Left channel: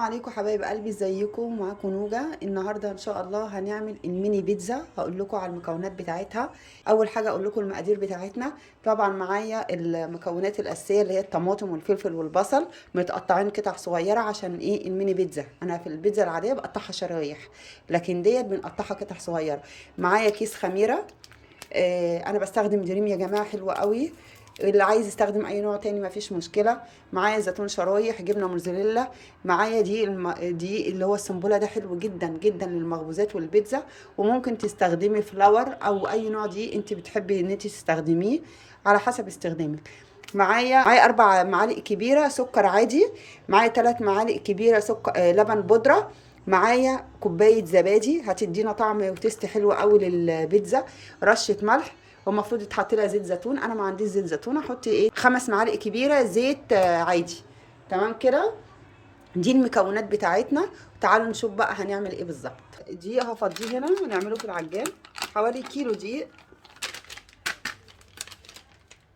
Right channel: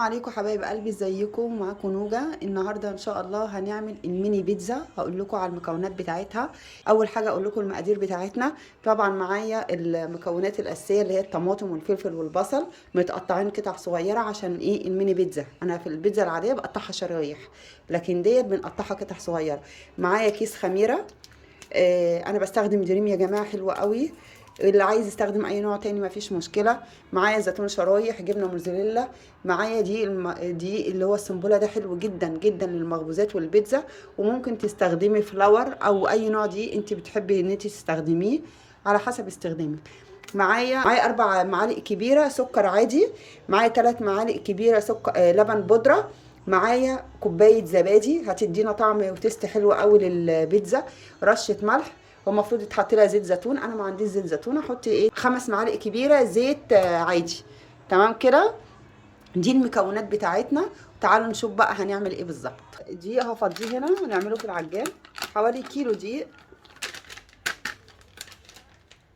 عليكم حبايب قلبي، ازيكم؟ معاكم نوجة. النهارده ان شاء الله هنعمل الميني بيتزا. هقول لكم على المكونات بتاعتها. اول حاجه اقول لكم المقادير بتاعتنا. طبعا معايا المكونات الاساسيه اللي هي الطماطم والفلفل والبصل متقطعين قطع صغيره. عشان ايه؟ الميني بيتزا انا في البيتزا العاديه بقطعها شرايح، لكن ديت بنقطعها قطع صغيره. معايا كيس خميره. انا بستخدم دريم يا جماعه، حلوه قوي. اللي عايز يستخدم اي نوع تاني مفيش مشكله. معايا زيتون شرايح، جبنه موزاريلا. معايا دي اللي هو السنبوله، ده حلو جدا جدا للمخبوزات والبيتزا. وممكن تستخدمي فلاور او اي نوع دي انت بتحبي ان انت تستخدميه على حسب استخدامك. معايا 4 معالق كبيره سكر عادي. معايا 3 معالق كبيره سكر لبن بودره. معايا كوبايه زبادي هتدينا طعم وتست حلو قوي للبيتزا. رشه ملح. والمفروض يتحط لها زيت زيتون، انا ما عنديش زيت زيتون. احط ايه 5 معالق كبيره زيت عادي. تمام كده. دي المكونات بتاعتنا. تعالوا نشوف بقى هنعمل ايه بالظبط. دقيق هفضيه هنا ونعمله في العجان. حوالي كيلو دقيق.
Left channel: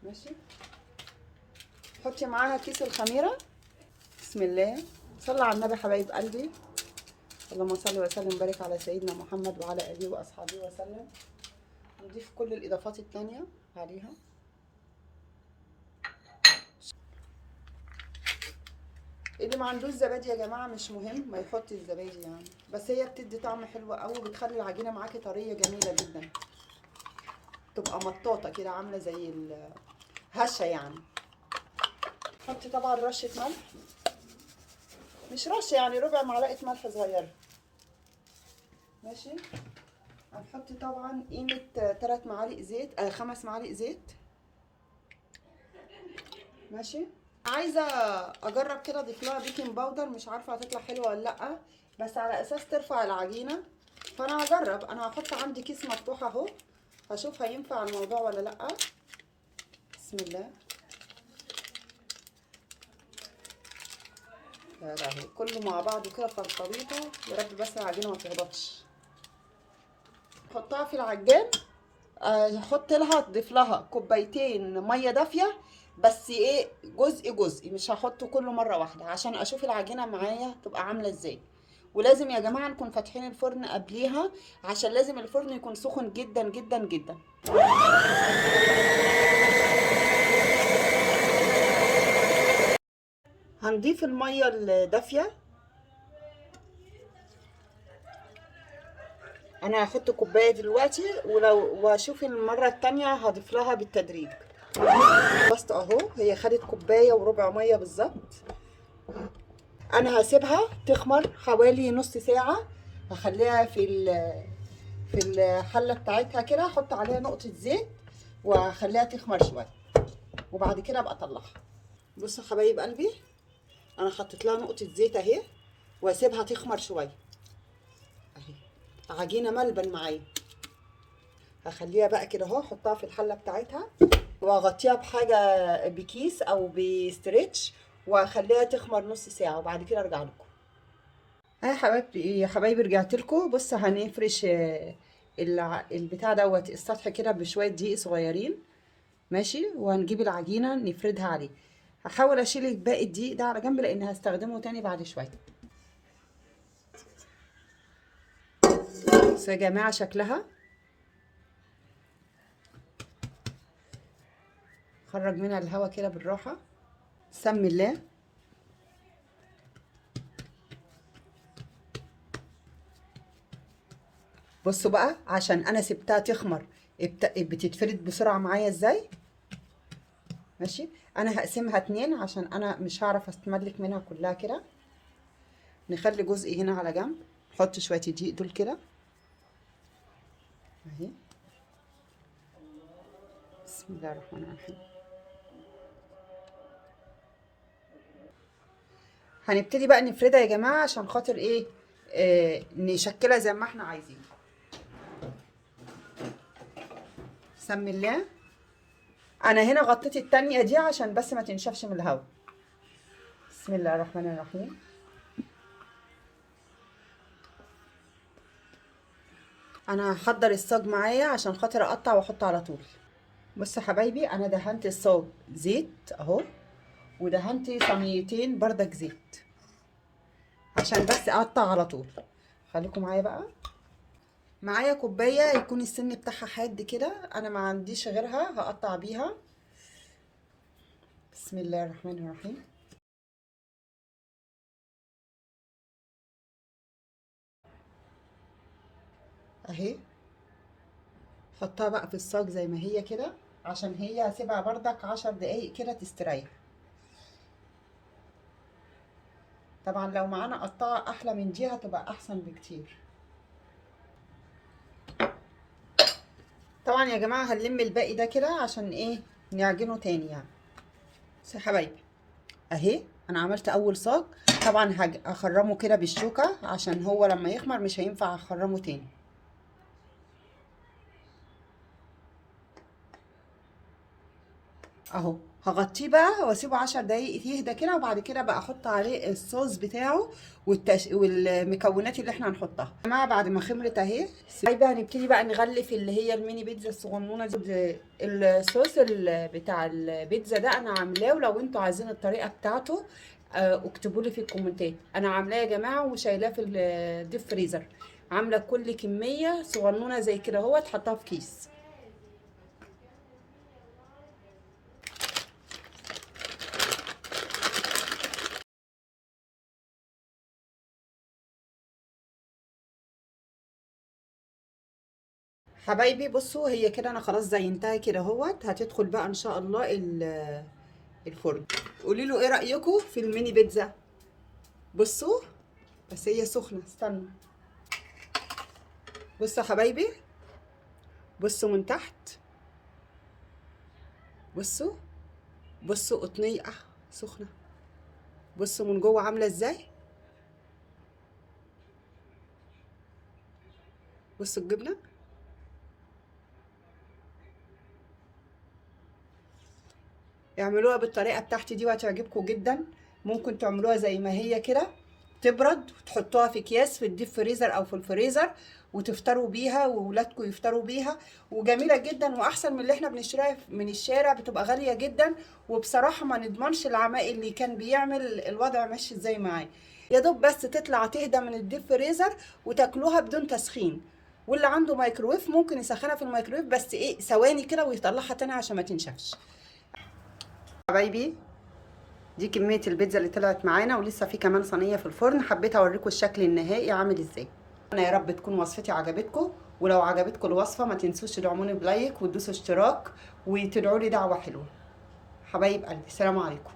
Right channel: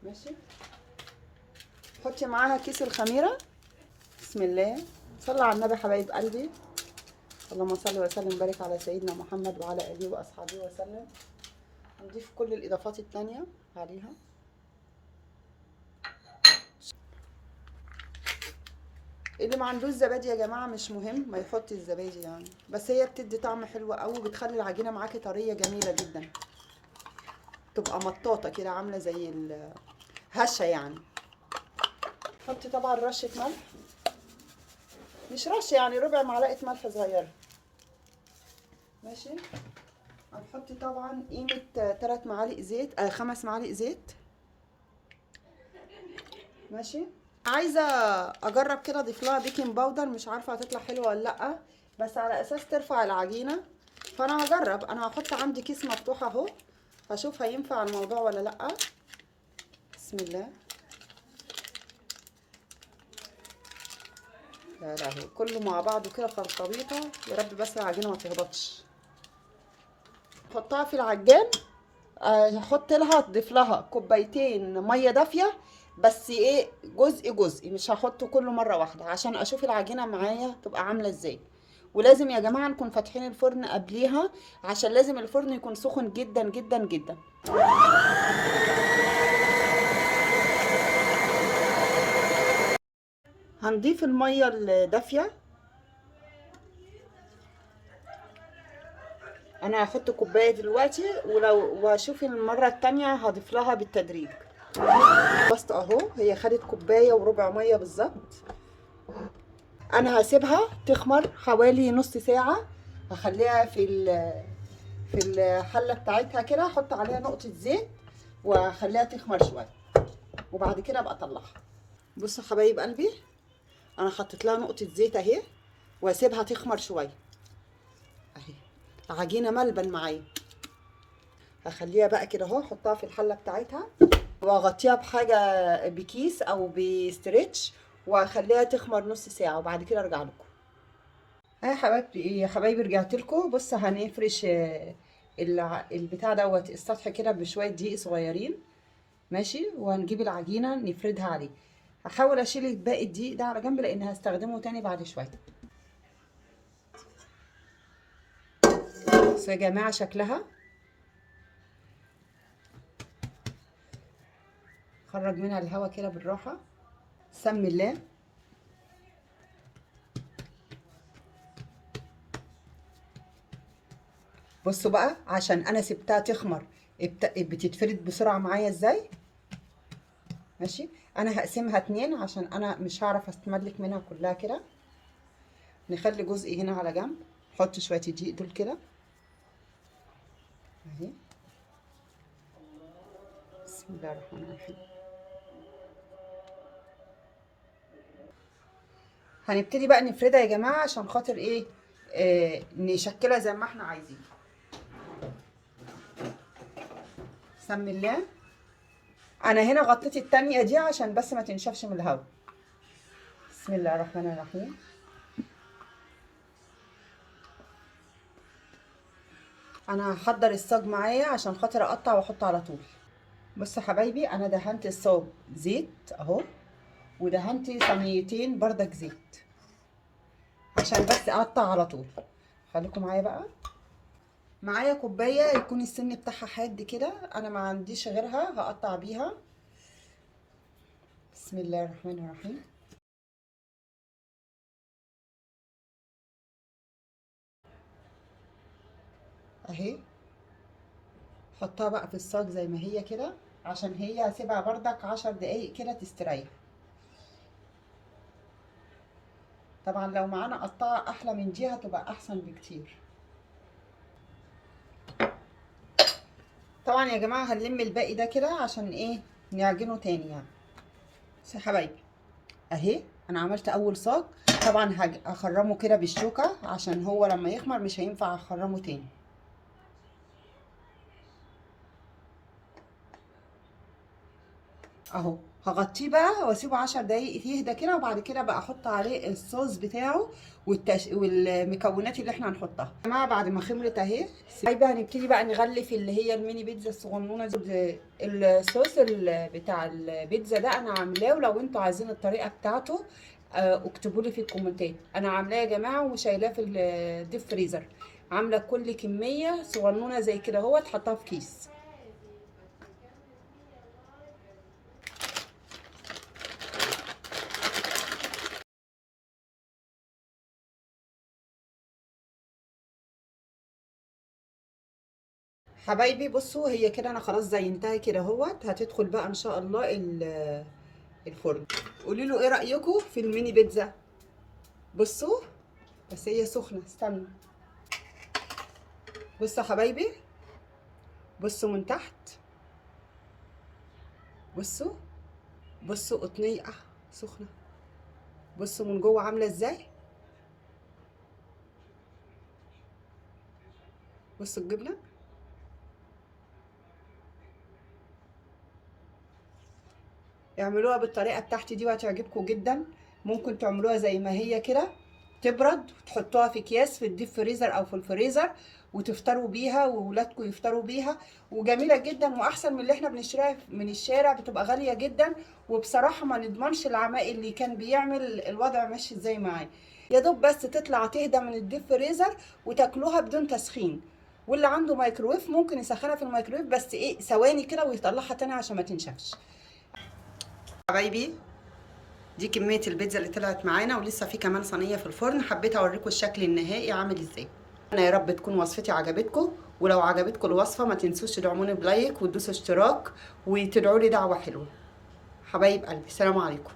ماشي. حطي معاها كيس الخميره. بسم الله. صلى على النبي حبايب قلبي. اللهم صل وسلم وبارك على سيدنا محمد وعلى اله واصحابه وسلم. هنضيف كل الاضافات التانية عليها. اللي ما عندوش زبادي يا جماعه مش مهم ما يحط الزبادي يعني، بس هي بتدي طعم حلو قوي وبتخلي العجينه معاكي طريه جميله جدا. تبقى مطاطه كده عامله زي الهشه يعني. حطي طبعا رشه ملح، مش رشه يعني، ربع معلقه ملح صغيره. ماشي. هنحط طبعا قيمه 3 معالق زيت 5 معالق زيت. ماشي. عايزه اجرب كده اضيف لها بيكنج باودر، مش عارفه هتطلع حلوه ولا لا، بس على اساس ترفع العجينه. فانا هجرب. انا هحط عندي كيس مفتوح اهو، هشوف هينفع الموضوع ولا لا. بسم الله. يا لهوي، كله مع بعض كده في الخليطه. يا رب بس العجينه ما تهبطش. حطها في العجان. هحط لها اضيف لها كوبايتين ميه دافيه، بس ايه، جزء جزء، مش هحطه كله مره واحده عشان اشوف العجينه معايا تبقى عامله ازاي. ولازم يا جماعه نكون فاتحين الفرن قبليها، عشان لازم الفرن يكون سخن جدا جدا جدا. هنضيف الميه الدافيه. انا هحط كوبايه دلوقتي، واشوف المره التانية هضيف لها بالتدريج. بس اهو هي خدت كوبايه وربع ميه بالظبط. انا هسيبها تخمر حوالي نص ساعه. هخليها في الحله بتاعتها كده، احط عليها نقطه زيت واخليها تخمر شويه، وبعد كده ابقى اطلعها. بصوا حبايب قلبي، انا حطيت لها نقطه زيت اهي، واسيبها تخمر شويه اهي. عجينه ملبن معايا. هخليها بقى كده اهو، احطها في الحله بتاعتها واغطيها بحاجه، بكيس او بستريتش، واخليها تخمر نص ساعه وبعد كده ارجع لكم. ها يا حبايبتي، يا حبايبي رجعت لكم. بص هنفرش البتاع دوت السطح كده بشويه دقيق صغيرين. ماشي. وهنجيب العجينه نفردها عليه. هحاول اشيل باقي الدقيق ده على جنب لان هستخدمه تاني بعد شويه. بصوا يا جماعه شكلها. خرج منها الهواء كده بالراحه. سمي الله. بصوا بقى عشان انا سبتها تخمر بتتفرد بسرعه معايا ازاي. ماشي. انا هقسمها 2 عشان انا مش هعرف استملك منها كلها كده. نخلي جزء هنا على جنب. نحط شويه دقيق دول كده اهي. بسم الله الرحمن الرحيم. هنبتدي بقى نفردها يا جماعه عشان خاطر ايه، نشكلها زي ما احنا عايزين. سمي الله. انا هنا غطيت التانية دي عشان بس ما تنشفش من الهواء. بسم الله الرحمن الرحيم. انا هحضر الصاج معايا عشان خاطر اقطع واحط على طول. بصوا يا حبايبي، انا دهنت الصاج زيت اهو، ودهنت صينيتين بردك زيت. عشان بس اقطع على طول. خليكم معايا بقى. معايا كوبايه يكون السن بتاعها حاد كده، انا ما عنديش غيرها هقطع بيها. بسم الله الرحمن الرحيم. اهي حطها بقى في الصاج زي ما هي كده، عشان هي هسيبها بردك 10 دقايق كده تستريح. طبعا لو معانا قطاعه احلى من دي هتبقى احسن بكتير. طبعا يا جماعه هنلم الباقي ده كده عشان ايه، نعجنه تاني يعني. بس يا حبايبي اهي انا عملت اول صاج. طبعا هخرمه كده بالشوكه عشان هو لما يخمر مش هينفع اخرمه تاني. اهو هغطيه بقى واسيبه 10 دقايق يهدى كده، وبعد كده بقى احط عليه الصوص بتاعه والمكونات اللي احنا هنحطها. يا جماعه بعد ما خمرت اهي سايبه، هنبتدي بقى نغلف اللي هي الميني بيتزا الصغنونه دي. الصوص بتاع البيتزا ده انا عاملاه، ولو انتوا عايزين الطريقه بتاعته اكتبوا لي في الكومنتات. انا عاملاه يا جماعه وشايلاه في الديب فريزر. عامله كل كميه صغنونه زي كده اهو تحطها في كيس. حبايبي بصوا هي كده انا خلاص زينتها كده اهوت. هتدخل بقى ان شاء الله الفرن. قولي له ايه رايكم في الميني بيتزا. بصوا بس هي سخنه، استنوا. بصوا يا حبايبي، بصوا من تحت، بصوا بصوا قطنيه سخنه. بصوا من جوه عامله ازاي. بصوا الجبنه. اعملوها بالطريقه بتاعتي دي وهتعجبكم جدا. ممكن تعملوها زي ما هي كده تبرد وتحطوها في اكياس في الديب فريزر او في الفريزر وتفطروا بيها وولادكم يفطروا بيها. وجميله جدا واحسن من اللي احنا بنشتريها من الشارع، بتبقى غاليه جدا. وبصراحه ما نضمنش العمايل اللي كان بيعمل الوضع ماشي ازاي معاه. يا دوب بس تطلع تهدى من الديب فريزر وتاكلوها بدون تسخين. واللي عنده مايكرويف ممكن يسخنها في الميكرويف بس ايه ثواني كده ويطلعها تاني عشان ما تنشفش. حبايبي دي كمية البيتزا اللي طلعت معانا، ولسه في كمان صينية في الفرن. حبيت اوريكم الشكل النهائي عامل ازاي. انا يا رب تكون وصفتي عجبتكم، ولو عجبتكم الوصفة ما تنسوش تدعموني بلايك وتدوسوا اشتراك وتدعوا لي دعوة حلوة. حبايب قلبي سلام عليكم.